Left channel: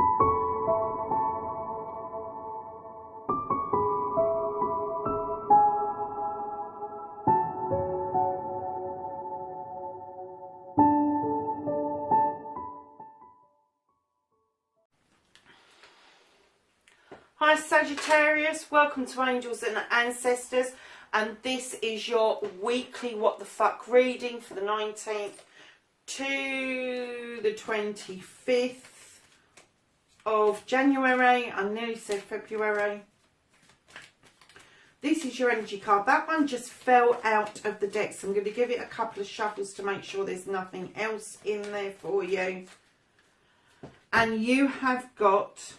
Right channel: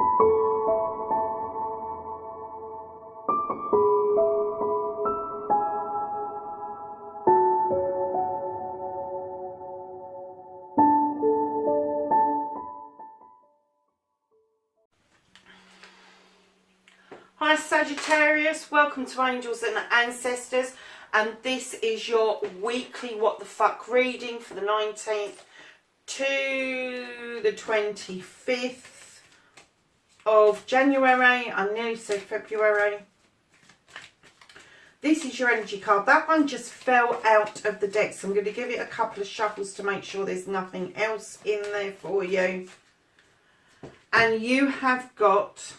Hi Sagittarius, welcome to Angels and Ancestors, and this is your weekly what the fuck reading for the 19th to the 25th of January. I nearly said February. This is your energy card. That one just fell out of the deck, so I'm going to give it a couple of shuffles to make sure there's nothing else in there for you. And you have got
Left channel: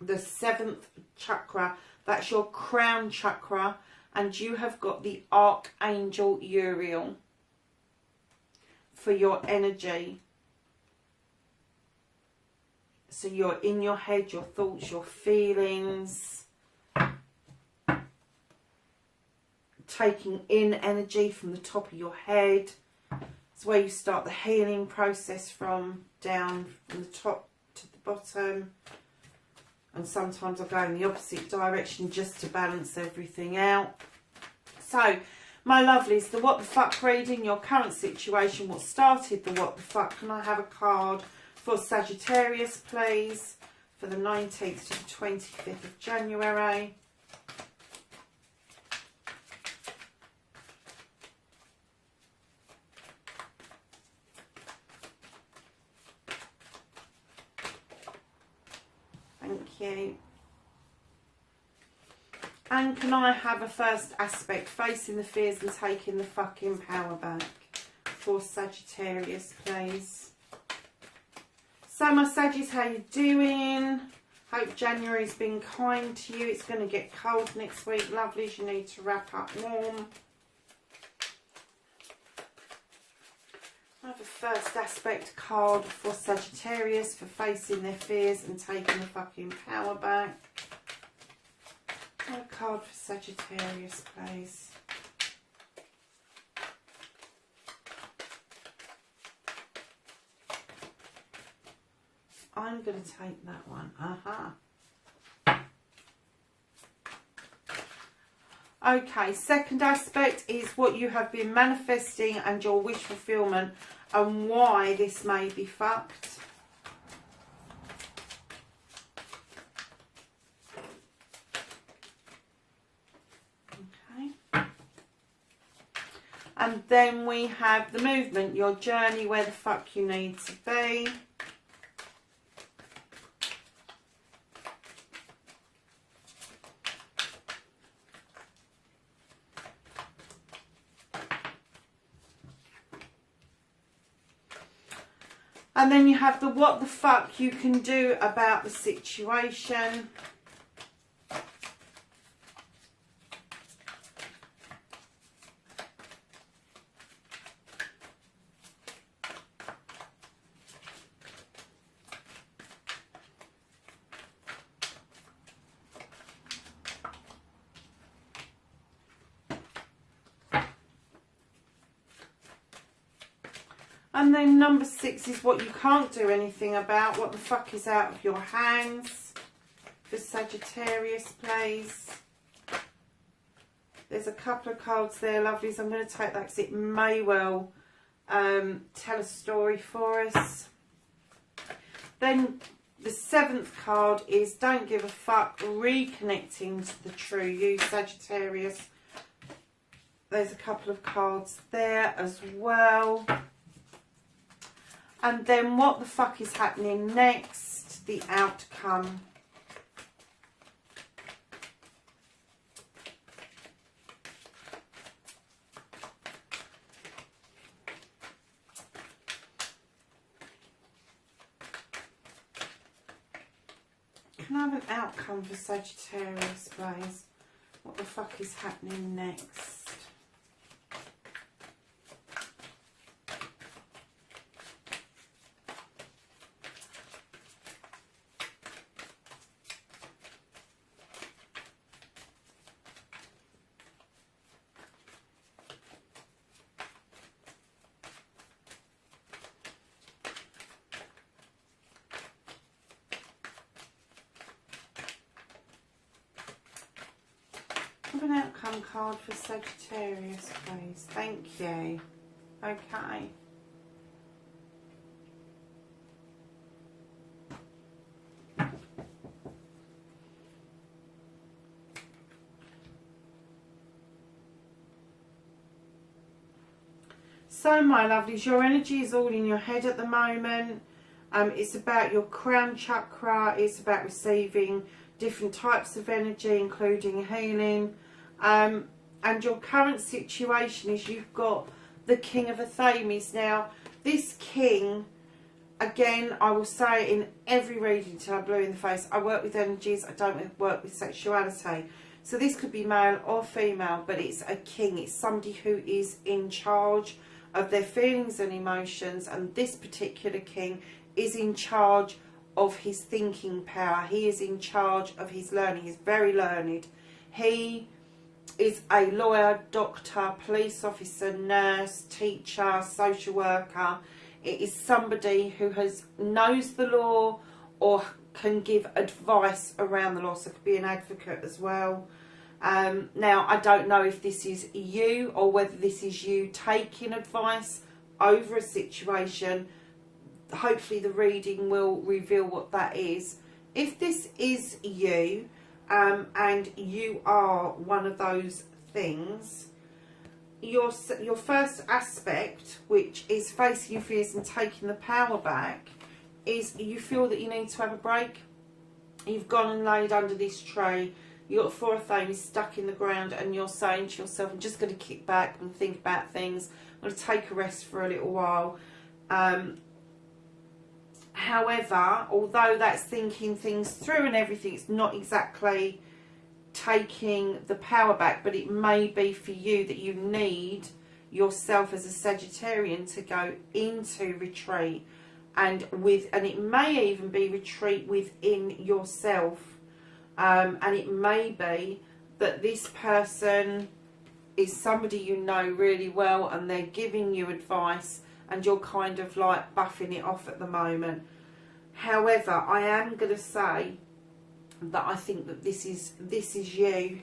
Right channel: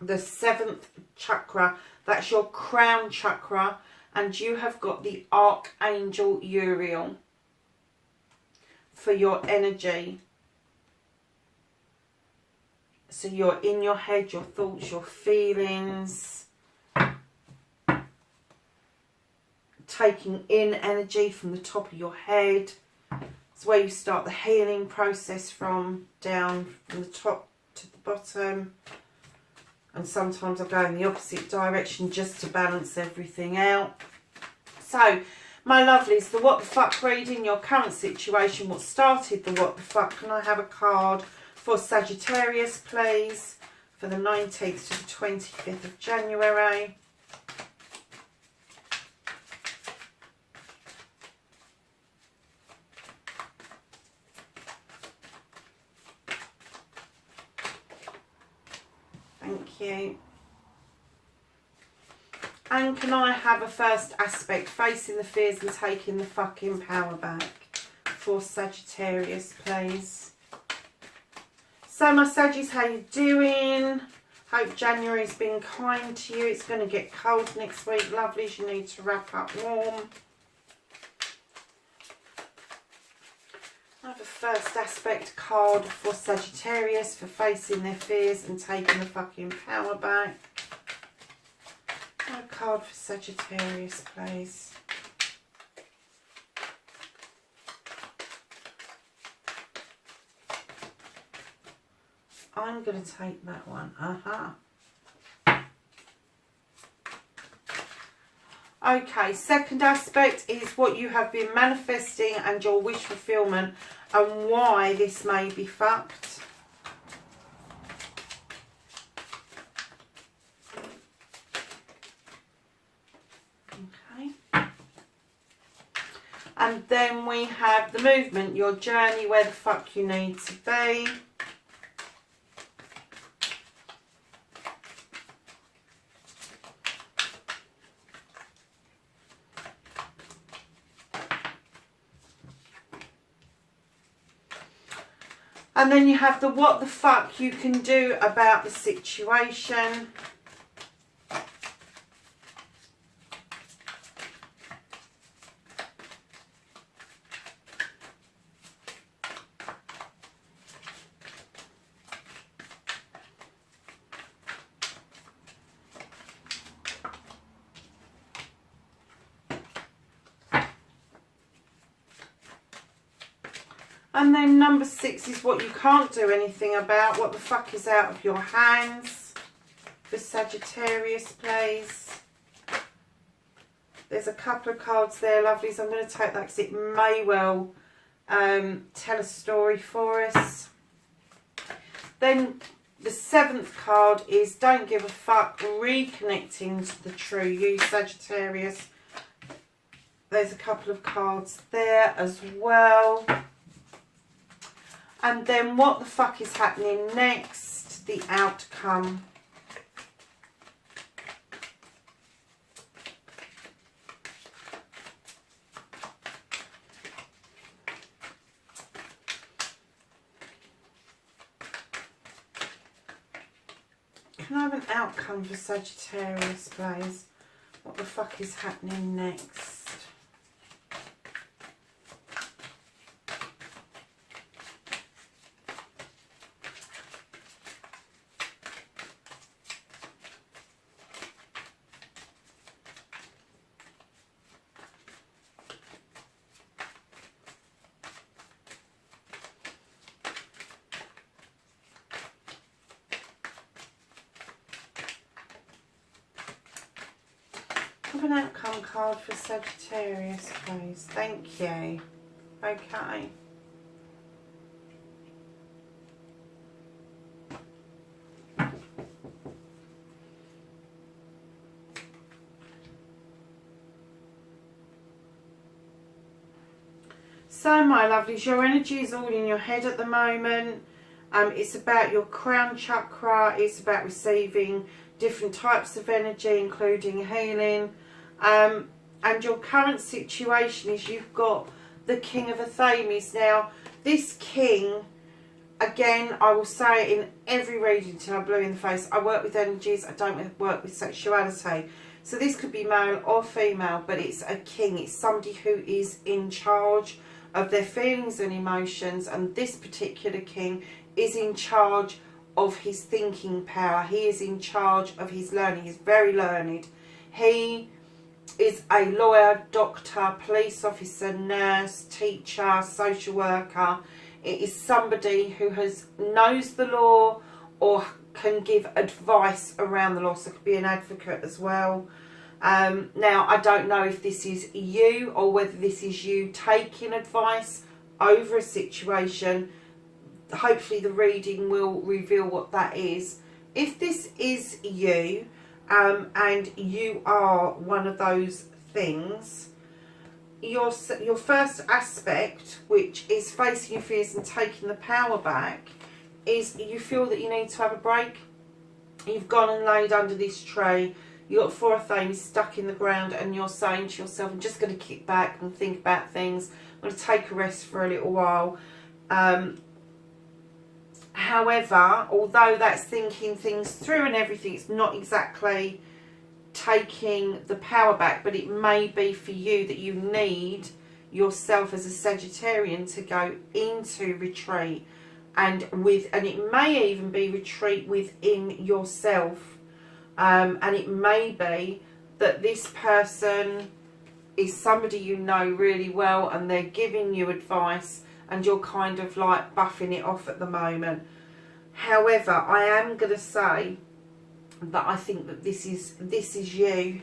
the 7th chakra. That's your crown chakra, and you have got the Archangel Uriel for your energy. So you're in your head, your thoughts, your feelings, taking in energy from the top of your head. It's where you start the healing process from, down from the top to the bottom. And sometimes I go in the opposite direction just to balance everything out. So, my lovelies, the what the fuck reading, your current situation, what started the what the fuck. Can I have a card for Sagittarius, please, for the 19th to the 25th of January? Thank you. And can I have a first aspect, facing the fears and taking the fucking power back, for Sagittarius, please? So my Saggies, how you doing? Hope January's been kind to you. It's going to get cold next week, lovelies. You need to wrap up warm. I have a first aspect card for Sagittarius for facing their fears and taking the fucking power back. A card for Sagittarius, please. I'm going to take that one. Okay, second aspect is what you have been manifesting and your wish fulfillment and why this may be fucked. Okay. And then we have the movement, your journey, where the fuck you need to be. And then you have the what the fuck you can do about the situation. And then number 6 is what you can't do anything about. What the fuck is out of your hands for Sagittarius, please? There's a couple of cards there, lovelies. I'm going to take that because it may well tell a story for us. Then the 7th card is don't give a fuck, reconnecting to the true you, Sagittarius. There's a couple of cards there as well. And then what the fuck is happening next? The outcome. Can I have an outcome for Sagittarius, please? What the fuck is happening next? of an outcome card for Sagittarius, please. Thank you. Okay. So, my lovelies, your energy is all in your head at the moment. It's about your crown chakra. It's about receiving different types of energy, including healing. And your current situation is you've got the King of Athames. Now, this king, again, I will say it in every reading till I'm blue in the face. I work with energies. I don't work with sexuality. So this could be male or female, but it's a king. It's somebody who is in charge of their feelings and emotions, and this particular king is in charge of his thinking power. He is in charge of his learning. He's very learned. He is a lawyer, doctor, police officer, nurse, teacher, social worker. It is somebody who knows the law or can give advice around the law, so it could be an advocate as well. Now, I don't know if this is you or whether this is you taking advice over a situation. Hopefully the reading will reveal what that is. If this is you, and you are one of those things, your first aspect, which is facing your fears and taking the power back, is you feel that you need to have a break. You've gone and laid under this tree. You've got 4 of Athames stuck in the ground, and you're saying to yourself, I'm just going to kick back and think about things. I'm going to take a rest for a little while. However, although that's thinking things through and everything, it's not exactly taking the power back, but it may be for you that you need yourself as a Sagittarian to go into retreat, and it may even be retreat within yourself. And it may be that this person is somebody you know really well, and they're giving you advice, and you're kind of like buffing it off at the moment. However, I am going to say that I think that this is you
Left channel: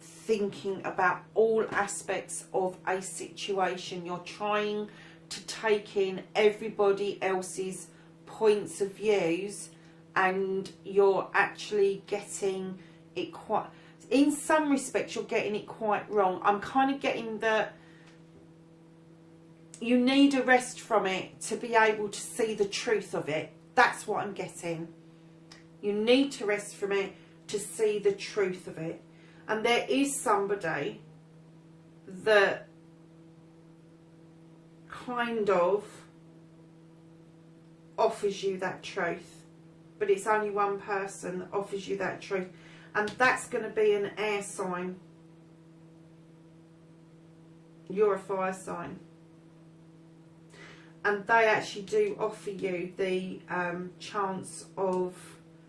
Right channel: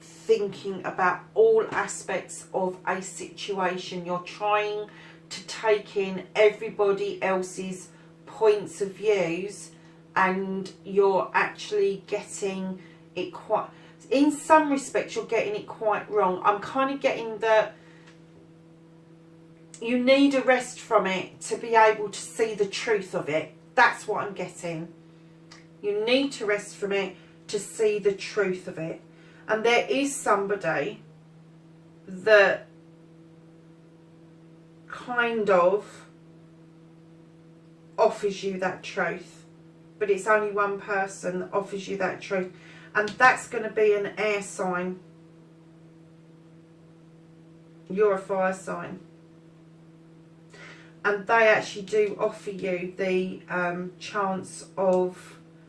thinking about all aspects of a situation. You're trying to take in everybody else's points of views, and you're actually getting it quite, in some respects you're getting it quite wrong. I'm kind of getting that you need a rest from it to be able to see the truth of it. That's what I'm getting. You need to rest from it to see the truth of it. And there is somebody that kind of offers you that truth. But it's only one person that offers you that truth. And that's going to be an air sign. You're a fire sign. And they actually do offer you the chance of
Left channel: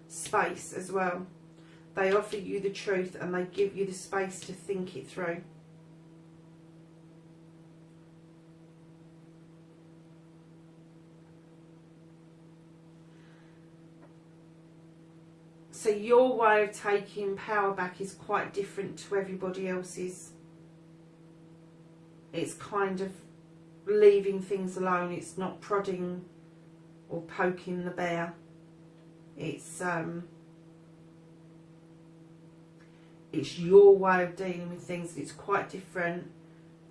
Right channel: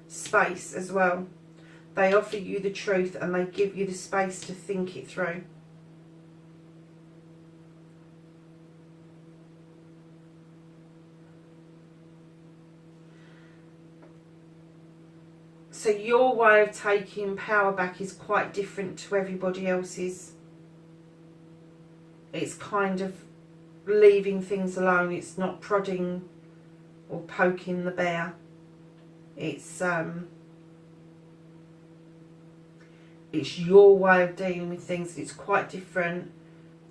space as well. They offer you the truth, and they give you the space to think it through. So your way of taking power back is quite different to everybody else's. It's kind of leaving things alone. It's not prodding or poking the bear. It's your way of dealing with things. It's quite different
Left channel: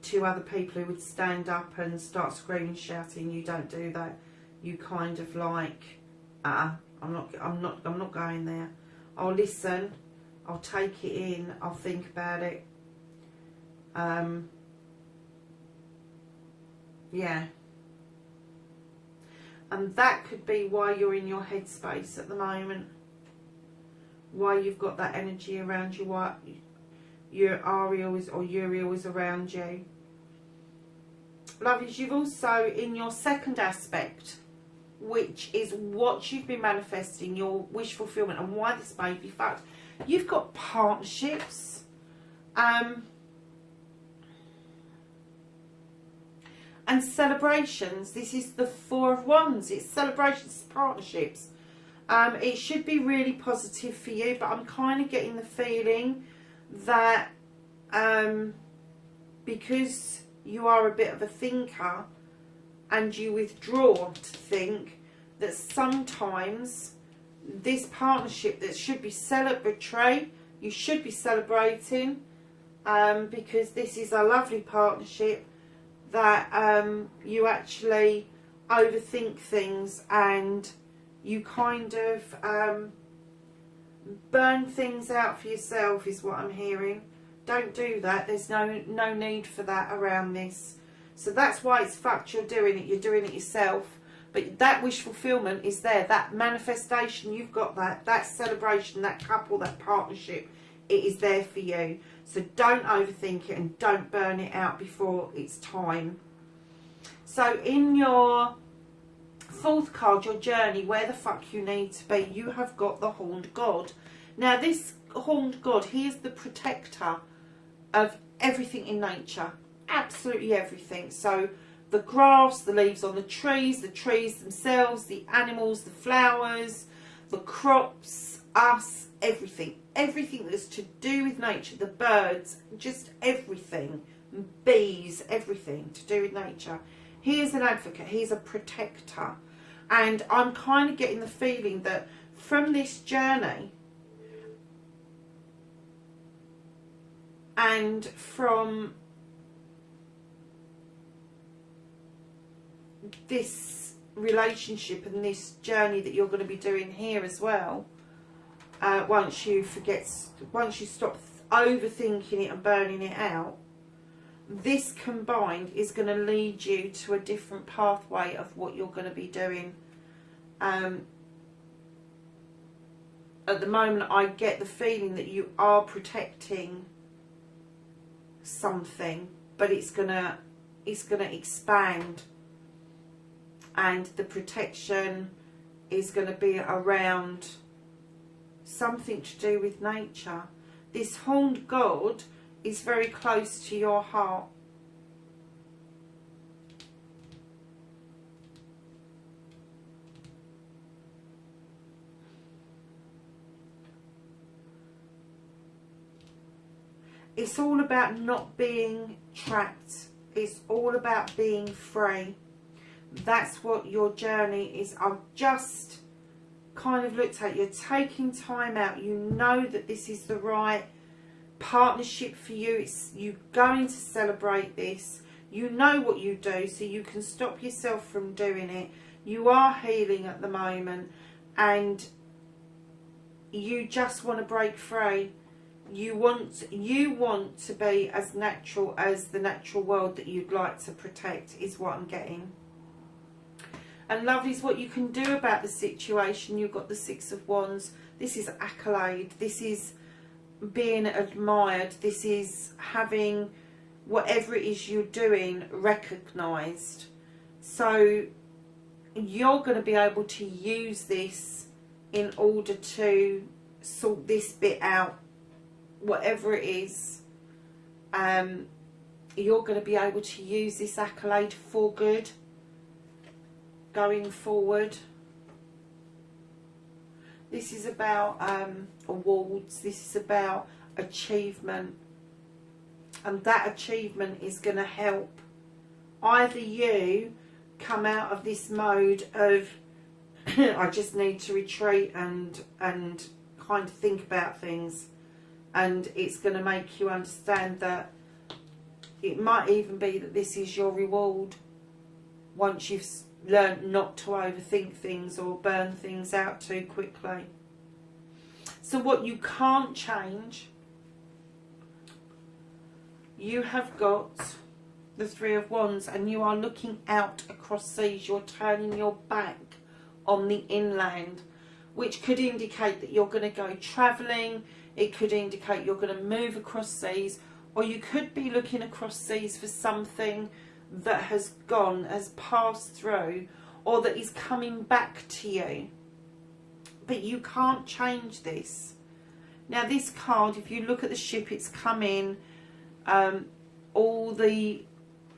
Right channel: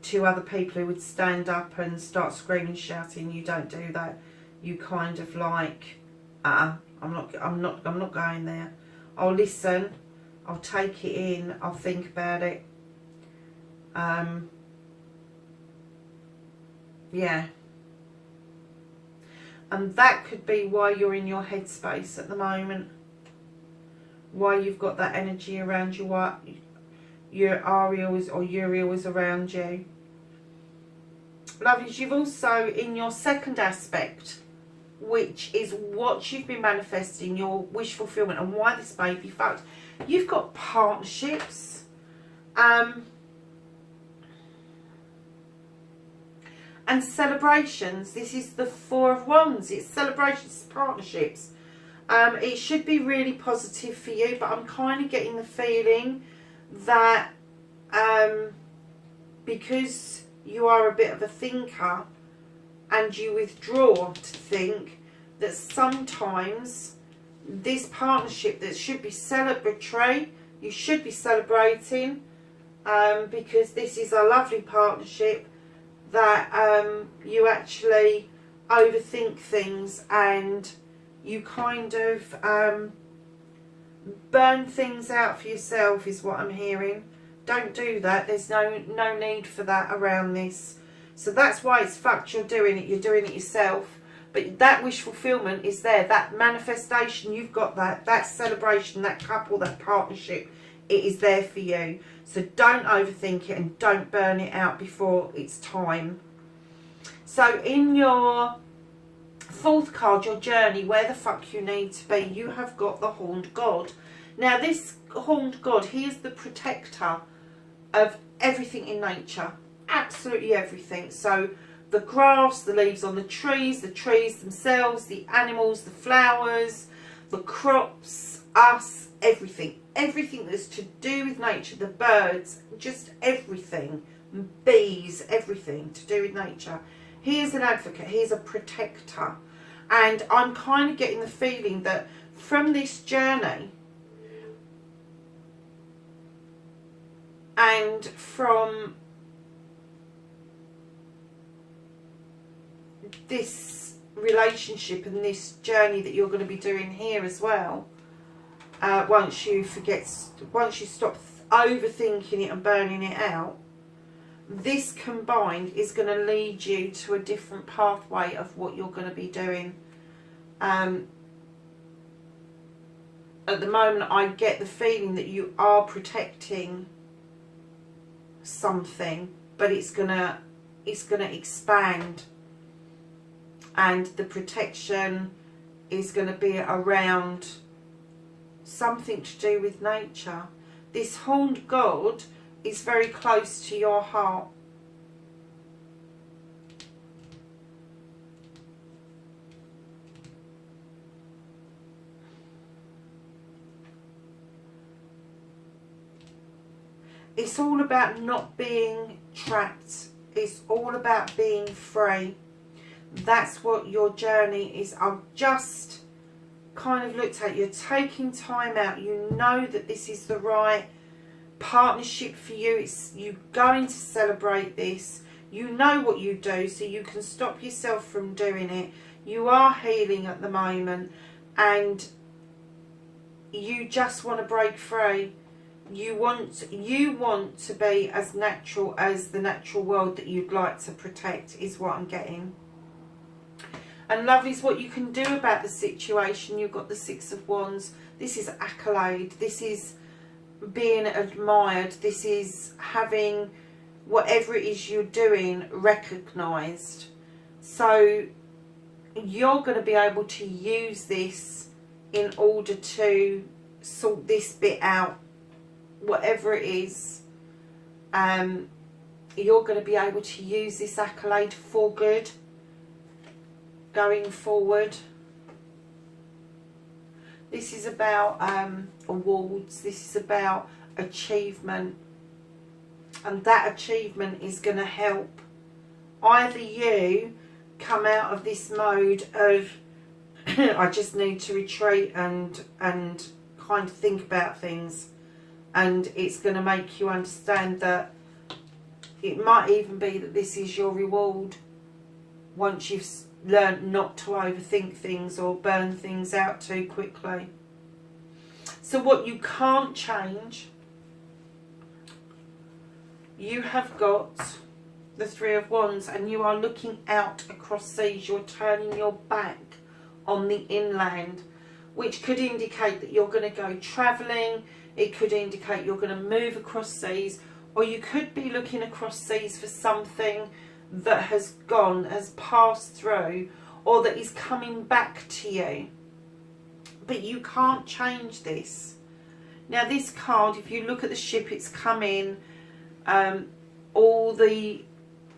to other people who would stand up and start screaming, shouting. You don't do that. You kind of like, I'm not going there. I'll listen. I'll take it in. I'll think about it. Yeah. And that could be why you're in your headspace at the moment. Why you've got that energy around you. Why your Ariel is, or Uriel is around you. Lovelies, you've also, in your second aspect, which is what you've been manifesting, your wish fulfillment, and why this may be fucked. You've got partnerships. And celebrations. This is the Four of Wands. It's celebrations, partnerships. It should be really positive for you, but I'm kind of getting the feeling that because you are a bit of a thinker and you withdraw to think, that sometimes this partnership that should be celebratory, you should be celebrating, because this is a lovely partnership, that you actually overthink things and you kind of burn things out for yourself, is what I'm hearing. Don't do that. There's no need for that around this. So that's why it's fucked. You're doing it yourself. But that wish fulfillment is there. That manifestation, you've got that celebration, that couple, that partnership, it is there for you. So don't overthink it and don't burn it out before it's time. So in your fourth card, your journey, where the fuck you need to be, you have got the Horned God. Now this Horned God, he is the protector of everything in nature. Absolutely everything. So the grass, the leaves on the trees themselves, the animals, the flowers, the crops, us, everything. Everything that's to do with nature, the birds, just everything. Bees, everything to do with nature. He is an advocate, he is a protector. And I'm kind of getting the feeling that from this journey and from this relationship and this journey that you're going to be doing here as well, once you stop overthinking it and burning it out, this combined is going to lead you to a different pathway of what you're going to be doing. At the moment I get the feeling that you are protecting something, but it's gonna expand, and the protection is going to be around something to do with nature. This Horned God is very close to your heart. It's all about not being trapped. It's all about being free. That's what your journey is. I've just kind of looked at, you're taking time out. You know that this is the right partnership for you. You're going to celebrate this. You know what you do, so you can stop yourself from doing it. You are healing at the moment and you just want to break free. You want to be as natural as the natural world that you'd like to protect, is what I'm getting. And love is what you can do about the situation. You've got the Six of Wands. This is accolade. This is being admired. This is having whatever it is you're doing recognised. So you're going to be able to use this in order to sort this bit out. Whatever it is, you're going to be able to use this accolade for good going forward. This is about awards. This is about achievement, and that achievement is going to help either you come out of this mode of I just need to retreat and kind of think about things, and it's going to make you understand that it might even be that this is your reward once you've learned not to overthink things or burn things out too quickly. So what you can't change, you have got the Three of Wands, and you are looking out across seas. You're turning your back on the inland, which could indicate that you're going to go travelling. It could indicate you're going to move across seas, or you could be looking across seas for something that has passed through, or that is coming back to you. But you can't change this. Now this card, if you look at the ship, it's come in, all the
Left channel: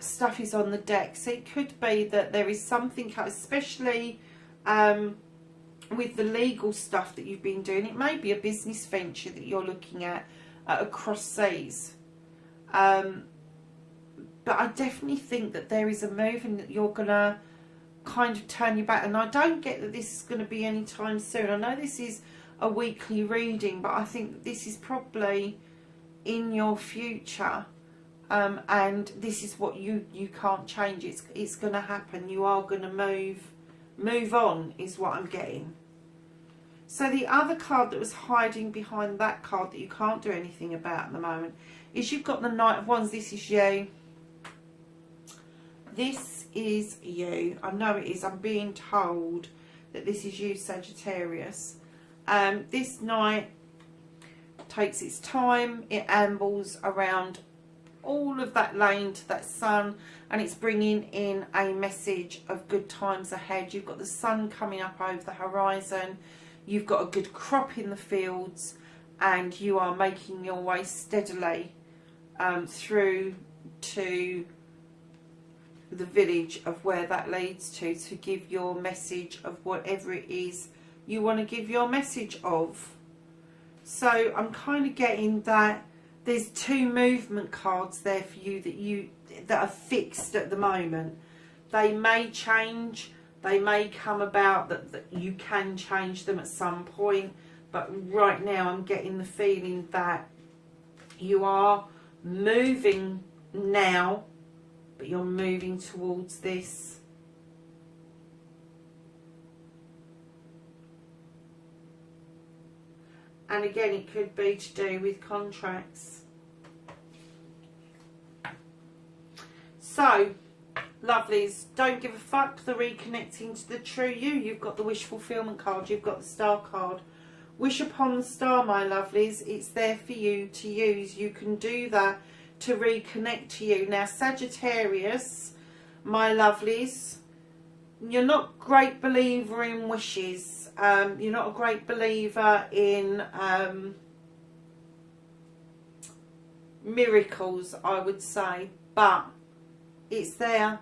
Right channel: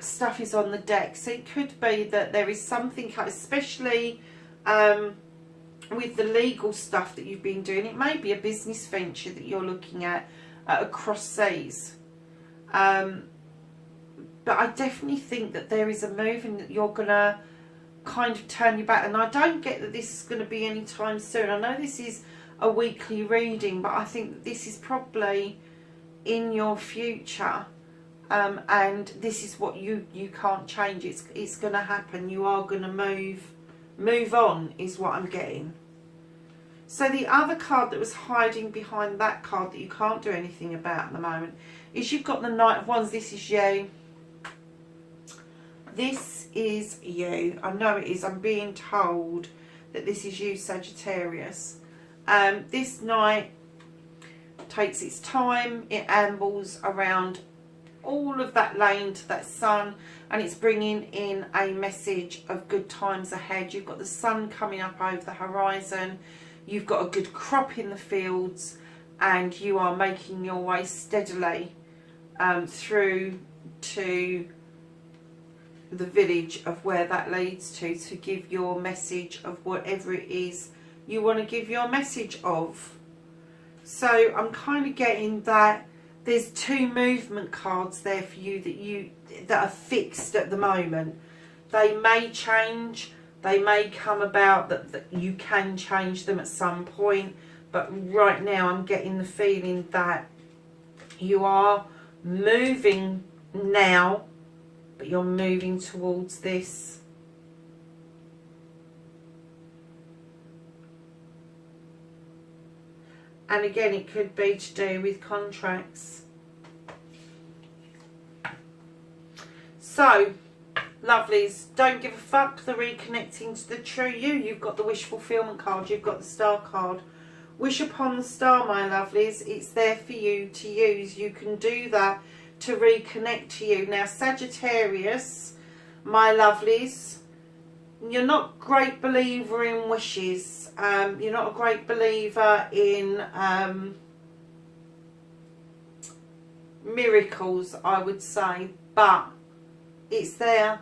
stuff is on the deck, so it could be that there is something, especially with the legal stuff that you've been doing. It may be a business venture that you're looking at across seas. But I definitely think that there is a move and that you're going to kind of turn your back. And I don't get that this is going to be anytime soon. I know this is a weekly reading, but I think that this is probably in your future. And this is what you can't change. It's going to happen. You are going to move on is what I'm getting. So the other card that was hiding behind that card that you can't do anything about at the moment is you've got the Knight of Wands. This is you. This is you. I know it is. I'm being told that this is you, Sagittarius. This Knight takes its time. It ambles around all of that lane to that sun, and it's bringing in a message of good times ahead. You've got the sun coming up over the horizon. You've got a good crop in the fields, and you are making your way steadily through to the village of where that leads to give your message of whatever it is you want to give your message of. So I'm kind of getting that there's two movement cards there for you that are fixed at the moment. They may change, they may come about that you can change them at some point, but right now I'm getting the feeling that you are moving now, but you're moving towards this. And again, it could be to do with contracts. So, lovelies, don't give a fuck. The reconnecting to the true you. You've got the wish fulfillment card. You've got the star card. Wish upon the star, my lovelies. It's there for you to use. You can do that to reconnect to you. Now, Sagittarius, my lovelies, you're not a great believer in wishes. You're not a great believer in miracles, I would say, but it's there.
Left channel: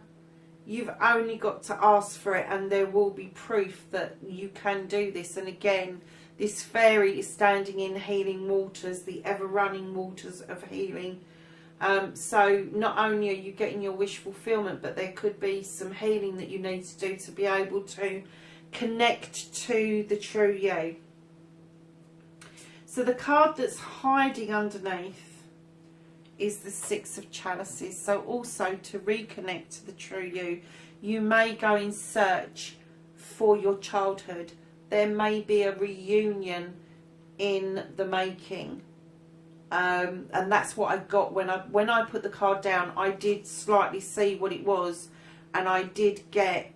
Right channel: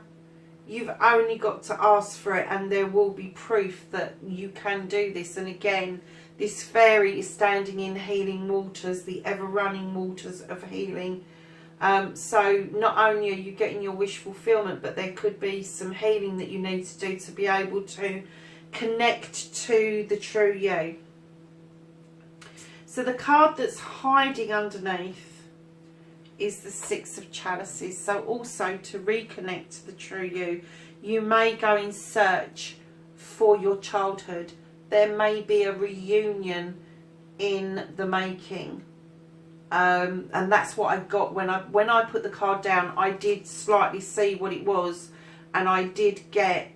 You've only got to ask for it, and there will be proof that you can do this. And again, this fairy is standing in healing waters, the ever-running waters of healing. So not only are you getting your wish fulfillment, but there could be some healing that you need to do to be able to connect to the true you. So the card that's hiding underneath is the Six of Chalices. So also to reconnect to the true you, you may go in search for your childhood. There may be a reunion in the making. And that's what I got when I put the card down. I did slightly see what it was, and I did get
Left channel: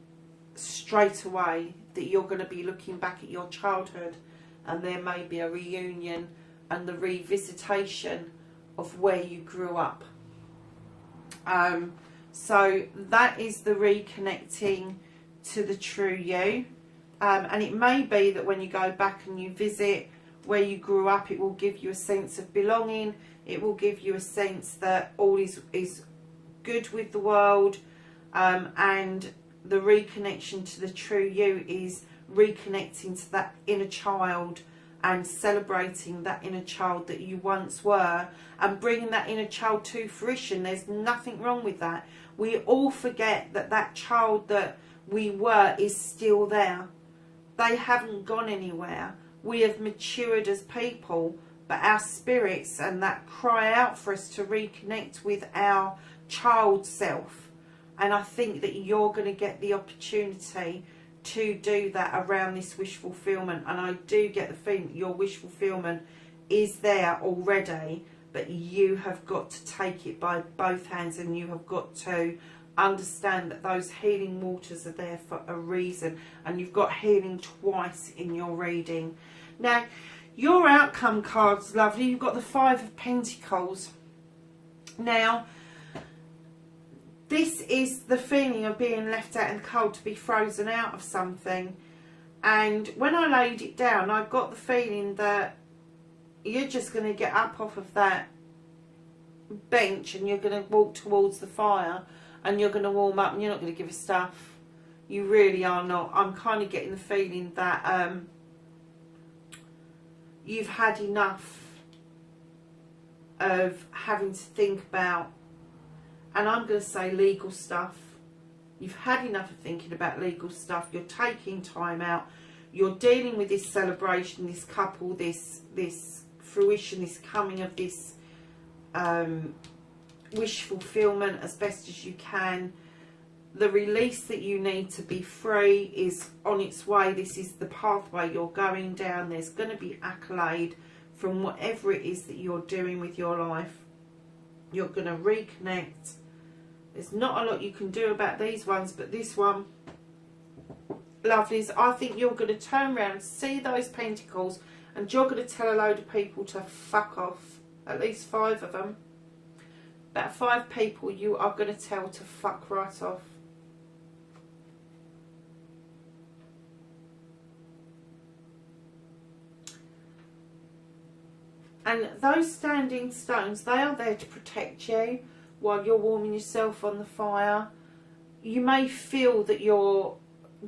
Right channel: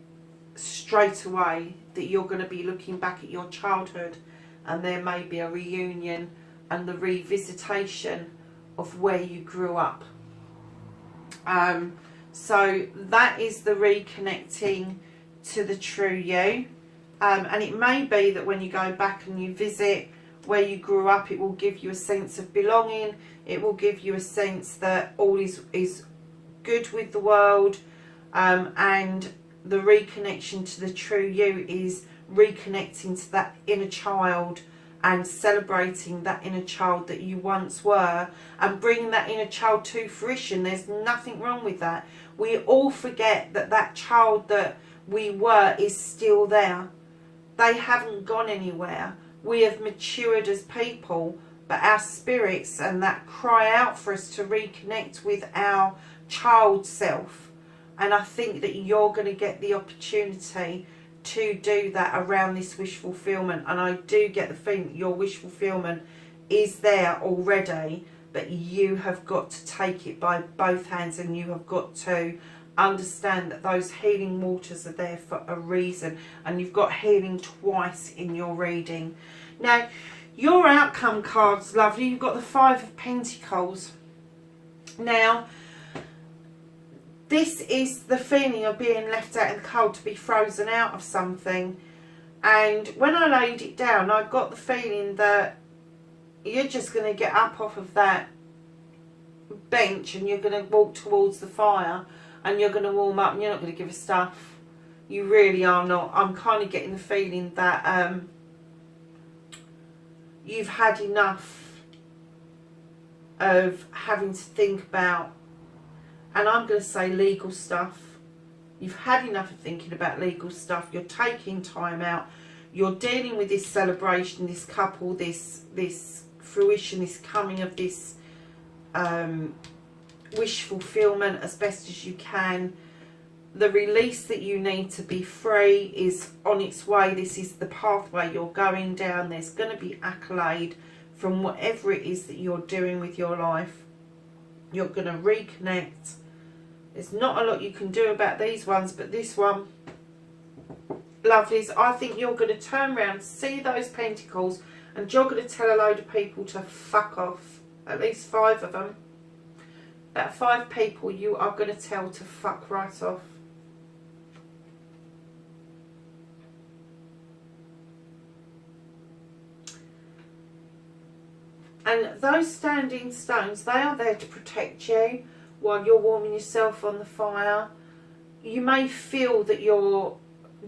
straight away that you're going to be looking back at your childhood, and there may be a reunion and the revisitation of where you grew up. So that is the reconnecting to the true you. And it may be that when you go back and you visit where you grew up, it will give you a sense of belonging. It will give you a sense that all is good with the world, and the reconnection to the true you is reconnecting to that inner child and celebrating that inner child that you once were, and bringing that inner child to fruition. There's nothing wrong with that. We all forget that that child that we were is still there. They haven't gone anywhere. We have matured as people, but our spirits and that cry out for us to reconnect with our child self. And I think that you're going to get the opportunity to do that around this wish fulfillment. And I do get the feeling that your wish fulfillment is there already, but you have got to take it by both hands, and you have got to understand that those healing waters are there for a reason, and you've got healing twice in your reading. Now, your outcome cards, lovely. You've got the Five of Pentacles. Now, this is the feeling of being left out in the cold, to be frozen out of something. And when I laid it down, I got the feeling that you're just going to get up off of that bench and you're going to walk towards the fire and you're going to warm up, and you're not going to give a stuff. You really are not. I'm kind of getting the feeling that you've had enough of having to think about, and I'm going to say legal stuff. You've had enough of thinking about legal stuff. You're taking time out. You're dealing with this celebration, this couple, this fruition, this coming of this wish fulfillment as best as you can. The release that you need to be free is on its way. This is the pathway you're going down. There's going to be accolade from whatever it is that you're doing with your life. You're going to reconnect. There's not a lot you can do about these ones, but this one, lovelies, I think you're going to turn around, see those pentacles, and you're going to tell a load of people to fuck off. At least 5 of them. About 5 people you are going to tell to fuck right off. And those standing stones, they are there to protect you while you're warming yourself on the fire. You may feel that you're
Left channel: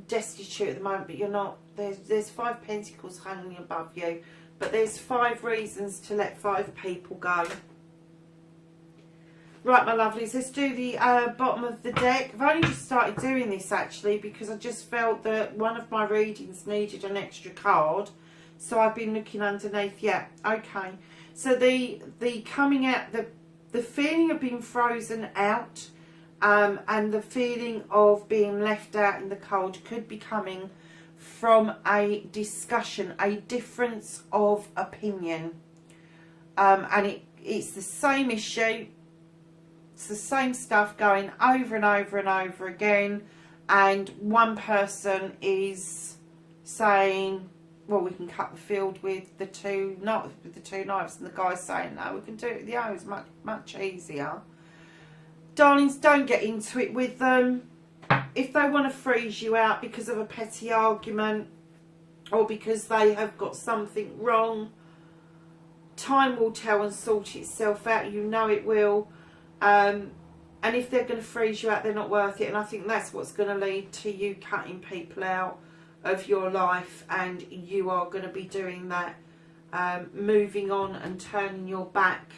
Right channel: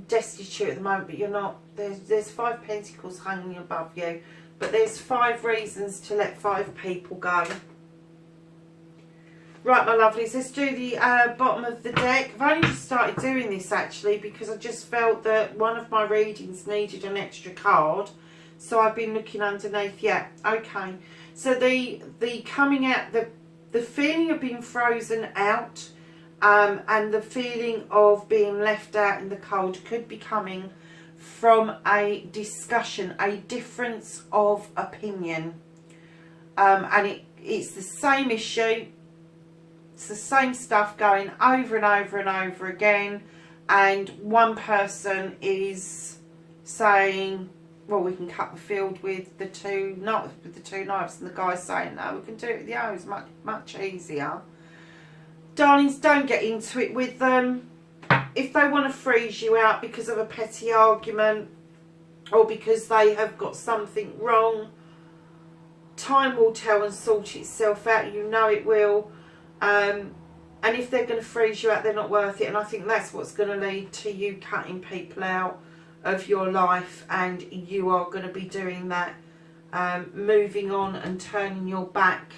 destitute at the moment, but you're not. There's 5 pentacles hanging above you, but there's 5 reasons to let 5 people go. Right, my lovelies, let's do the bottom of the deck. I've only just started doing this actually because I just felt that one of my readings needed an extra card. So I've been looking underneath. Yeah, okay. So the coming out, the feeling of being frozen out and the feeling of being left out in the cold could be coming from a discussion, a difference of opinion. And it's the same issue. It's the same stuff going over and over and over again. And one person is saying, well, we can cut the field with the 2 knives, and the guy's saying, no, we can do it with the arrows, much easier. Darlings, don't get into it with them. If they want to freeze you out because of a petty argument or because they have got something wrong, time will tell and sort itself out. You know it will. And if they're going to freeze you out, they're not worth it. And I think that's what's going to lead to you cutting people out of your life, and you are going to be doing that, moving on and turning your back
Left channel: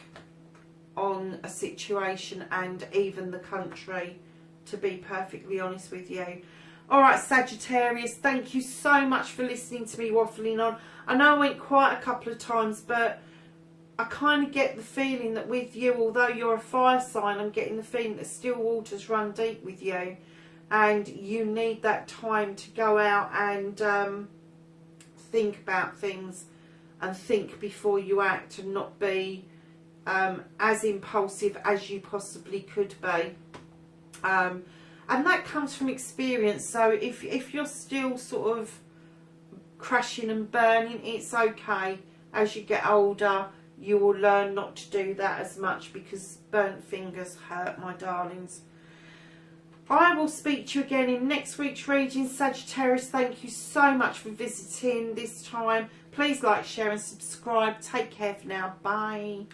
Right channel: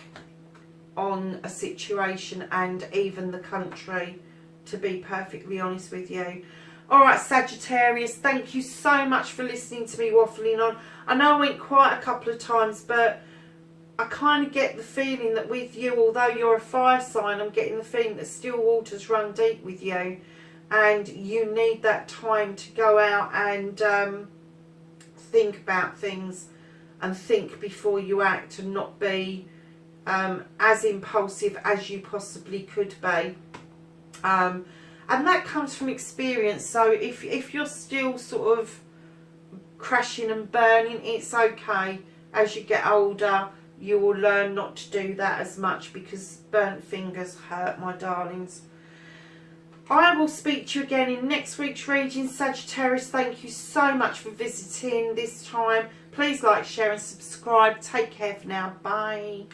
on a situation and even the country, to be perfectly honest with you. Alright, Sagittarius, thank you so much for listening to me waffling on. I know I went quite a couple of times, but I kind of get the feeling that with you, although you're a fire sign, I'm getting the feeling that still waters run deep with you. And you need that time to go out and think about things and think before you act, and not be as impulsive as you possibly could be. And that comes from experience. So if you're still sort of crashing and burning, it's okay. As you get older, you will learn not to do that as much, because burnt fingers hurt, my darlings. I will speak to you again in next week's reading, Sagittarius. Thank you so much for visiting this time. Please like, share and subscribe. Take care for now. Bye.